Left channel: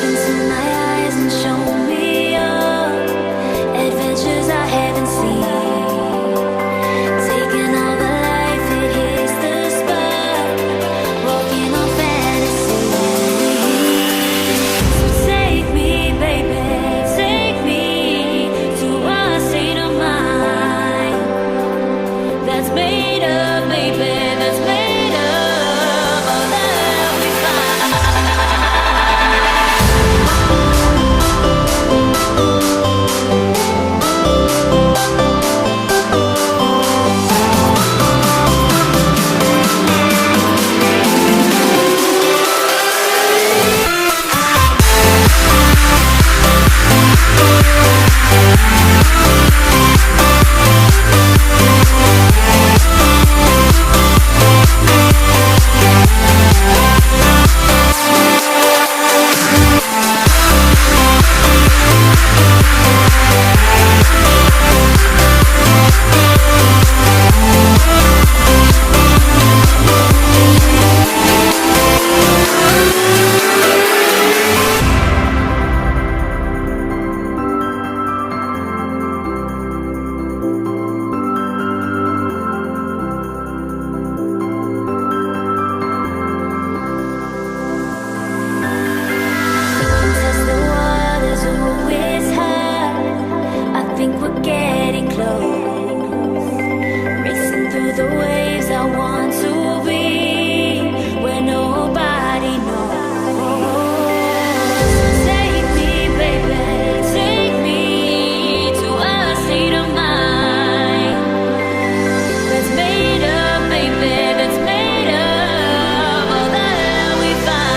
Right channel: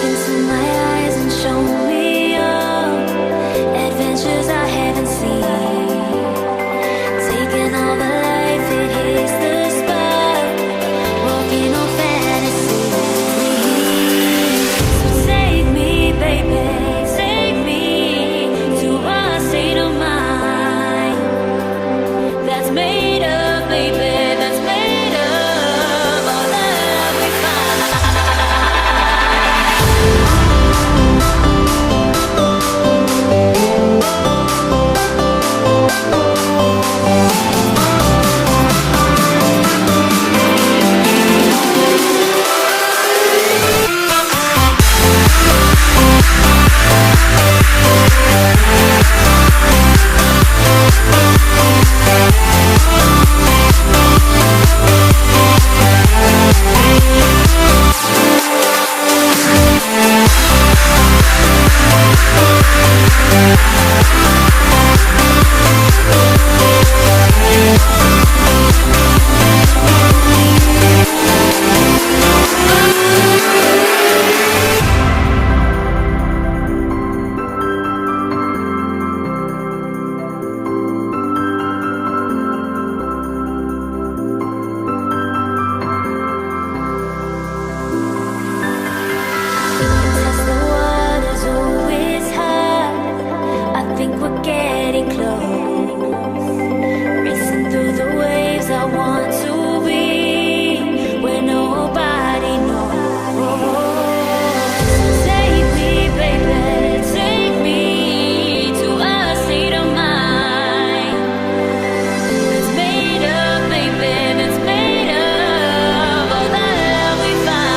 Look into my eyes and show me your adventures I haven't seen. Taking all the life, it hits the spot. Walking on fantasy. So take me, baby, take me to a state of mind that's made up, baby, that's made up all that we find. Test the waters, oh, it's hot. I think we're getting close. Racing through the waves, I want to be where nobody knows. So take me, baby, take me to a state of mind that's made up, baby, that's made up all that we find.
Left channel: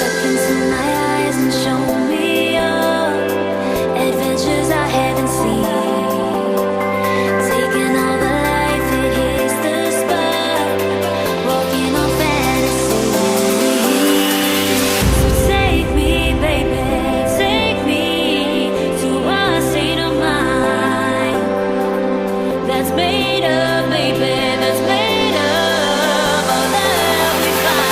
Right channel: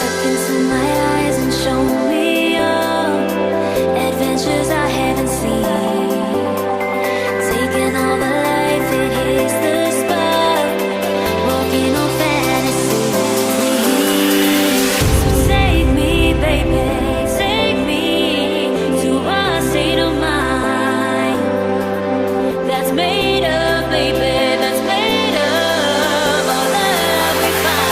Look into my eyes and show me your adventures I haven't seen. Taking all the life, it hits the spot. Walking on fantasy. So take me, baby, take me to a state of mind that's made up, baby, that's made up all that we find.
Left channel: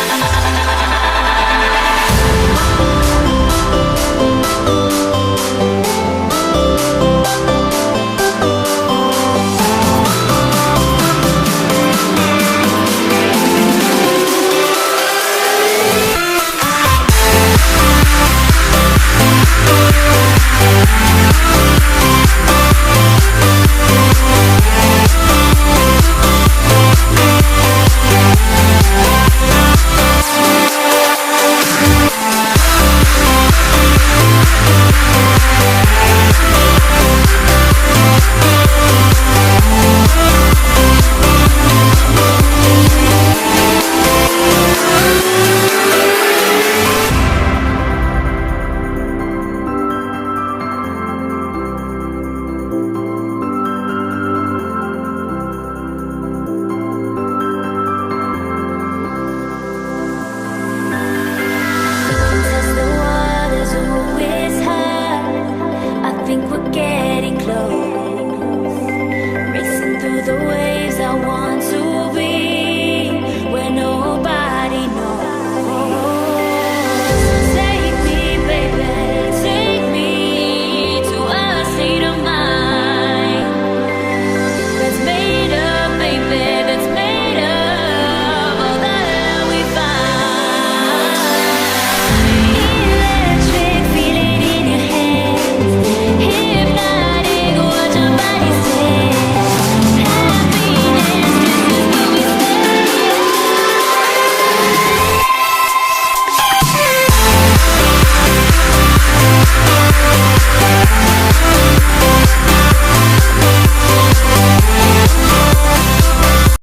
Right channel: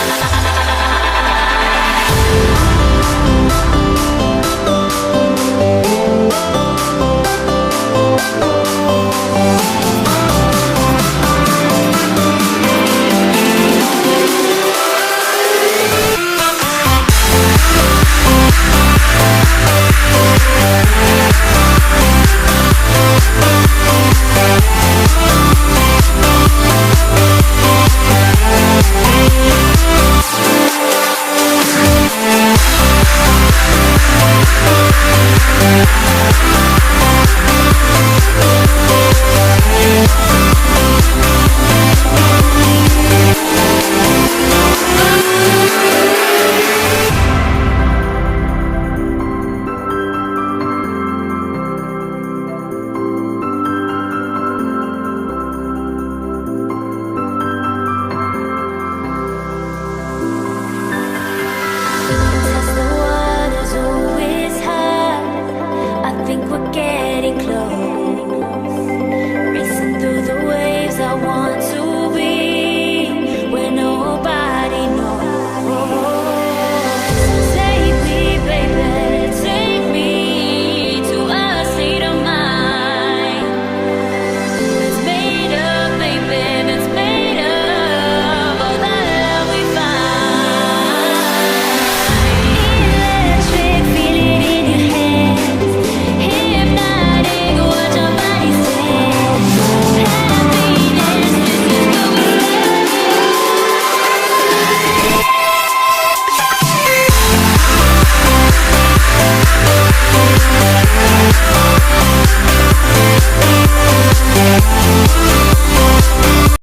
Test the waters, oh, it's hot. I think we're getting close. Racing through the waves, I want to